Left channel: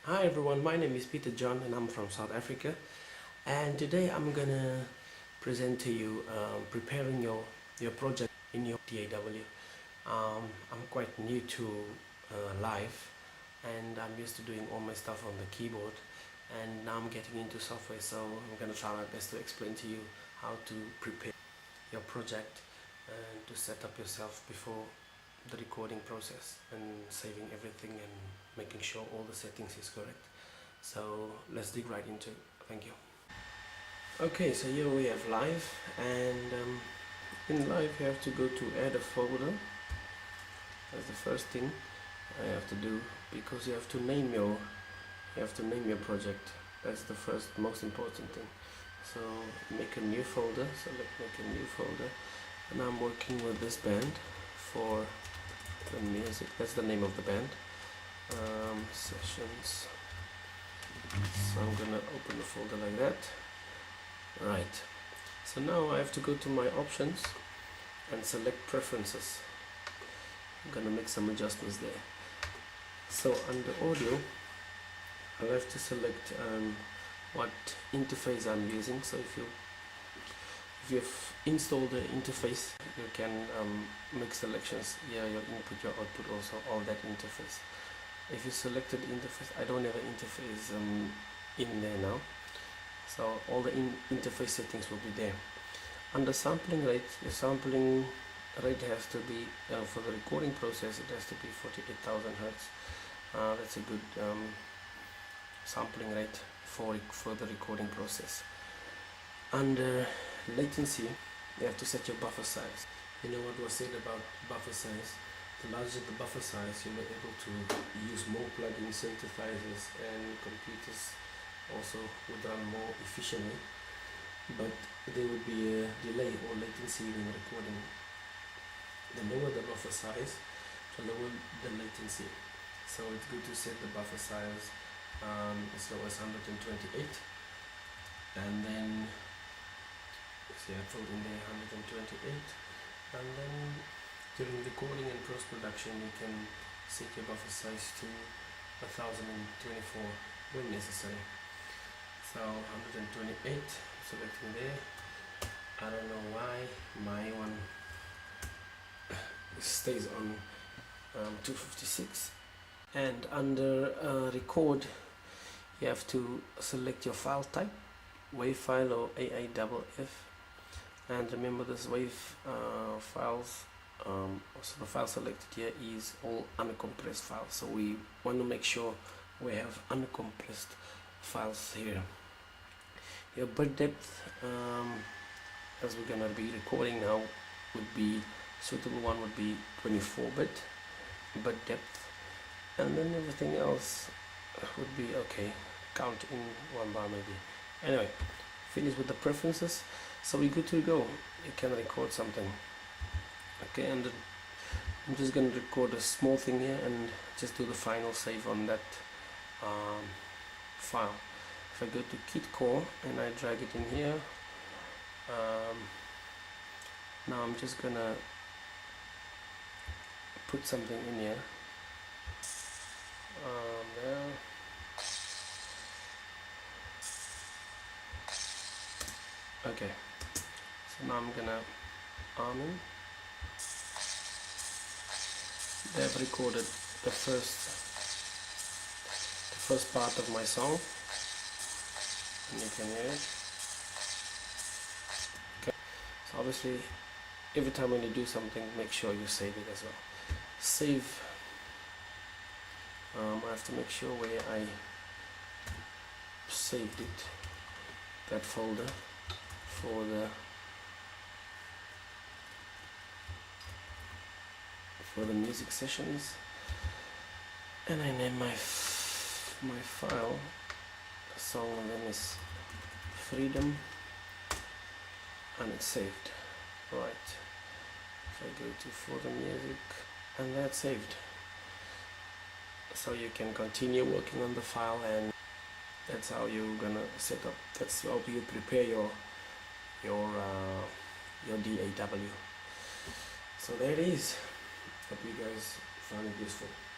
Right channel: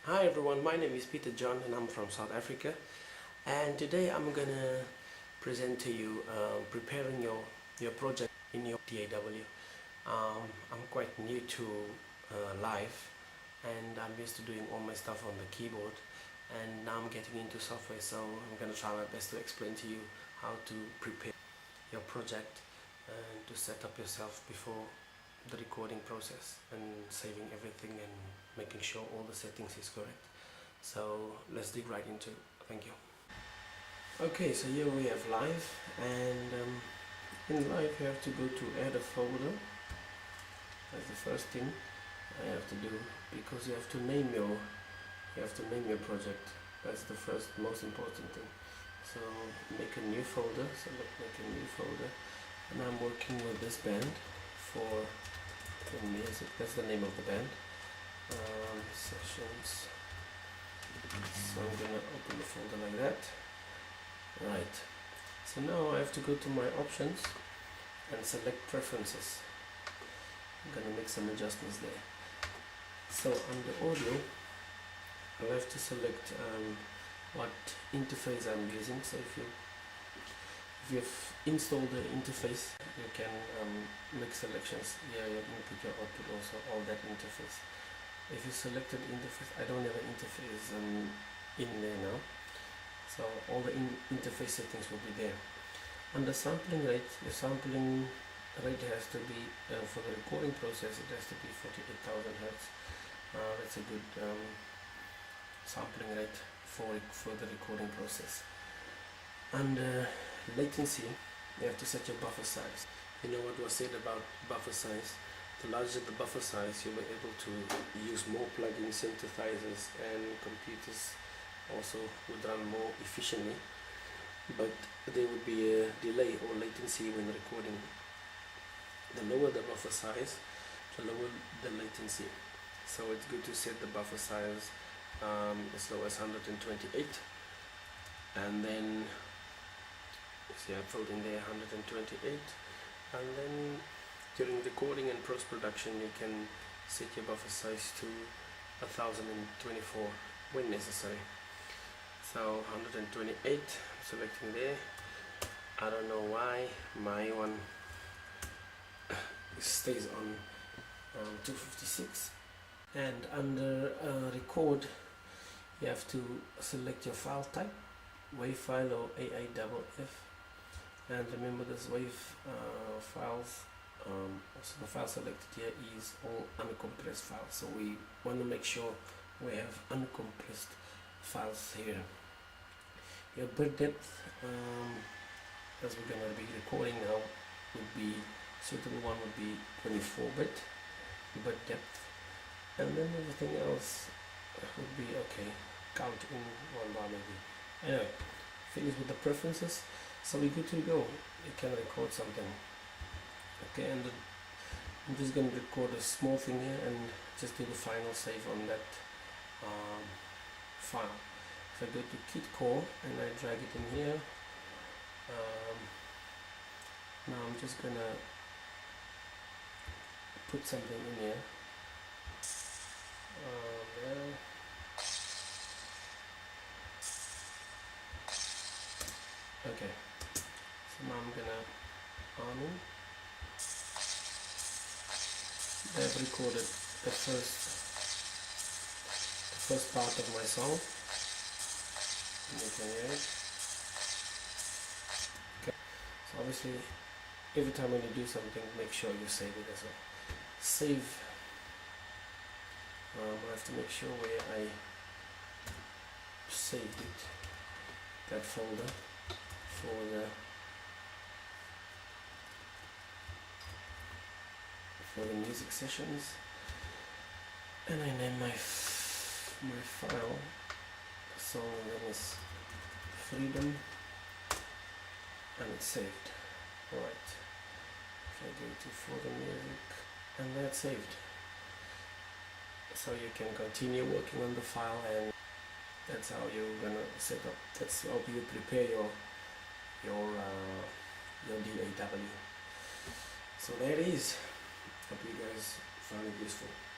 Hi everyone, my name is Peter John and I'm from South Africa, and today I'm gonna present to you preparing your project in your DAW. I'm quite new to Live, and I'm used to doing all my stuff on the keyboard, and now I'm getting into software, so I'm gonna try my best to explain to you how to prepare your project and to set up yourself before the recording process and saving everything and making sure all the settings is correct. So let's dig right into it. Thank you. Okay, so here we have Live, and in Live you have to go to add a folder. That's the first thing I have to do, because you have to name your project. That's the first most important thing. So make a new folder. Select make a new folder, and I'm working with this band for the music. That's the name of the band. Sessions. So I'm gonna open the folder like that. Right. So now I have to go to my options and select preferences. I'm gonna make some adjustments there. So under audio, I'll have to select what interface I'm using. So if you've installed the interface, you can make selections. Yeah, your input, your output, also all that interface. If you selected interface, I don't have an interface in there now, so all the interface settings will be there. Under sampling rate, the sampling rate has to be for the recording process, it has to be 48,000 Hertz. That's a good sampling rate for the recording process. Under latency, you have to set your buffer size. You know what was said about buffer size? The larger the buffer size, you'll be able to use more plugins, synthesizers, and computers also would run more efficiently, but there would be a delay or latency when recording. The lower the buffer size, the lower the latency. So it's good to set the buffer size as low as 128, and then see I filled in there 128, and then during recording and post-production you can set your buffer size to 1024 when necessary. So 128, selecting there. I don't know why my one stays on 256. And under record, you have to select your file type, WAV file or AAFF, and remember this WAV files. So the file selected here is all uncompressed files, so we want to make sure we have uncompressed files here. Your bit depth, as we're gonna be recording now, would be suitable one would be 24-bit bit depth, and then everything else would be okay. Count in one bar maybe. Anyway, finish with the preferences, so we're good to go. You can record something. Okay, and I'm just going to record a small thing here and just do the final save on that file. If I go to Kit Core and I drag it in here, now I'm just going to put something in here. There. Okay, so now I'm going to they've recorded the first part of my song, and you can hear it. Okay. So obviously every time when you do something, make sure you save it as well. Save, I have to make sure where I saved it, that folder for the music sessions, and I name my file. The song name is Freedom, and it's saved. Right. If I go to folder music, and that's saved. So you can continue working on the file, and that's how you're gonna set up. That's how you prepare your DAW. So there it is. Hope you guys found it useful.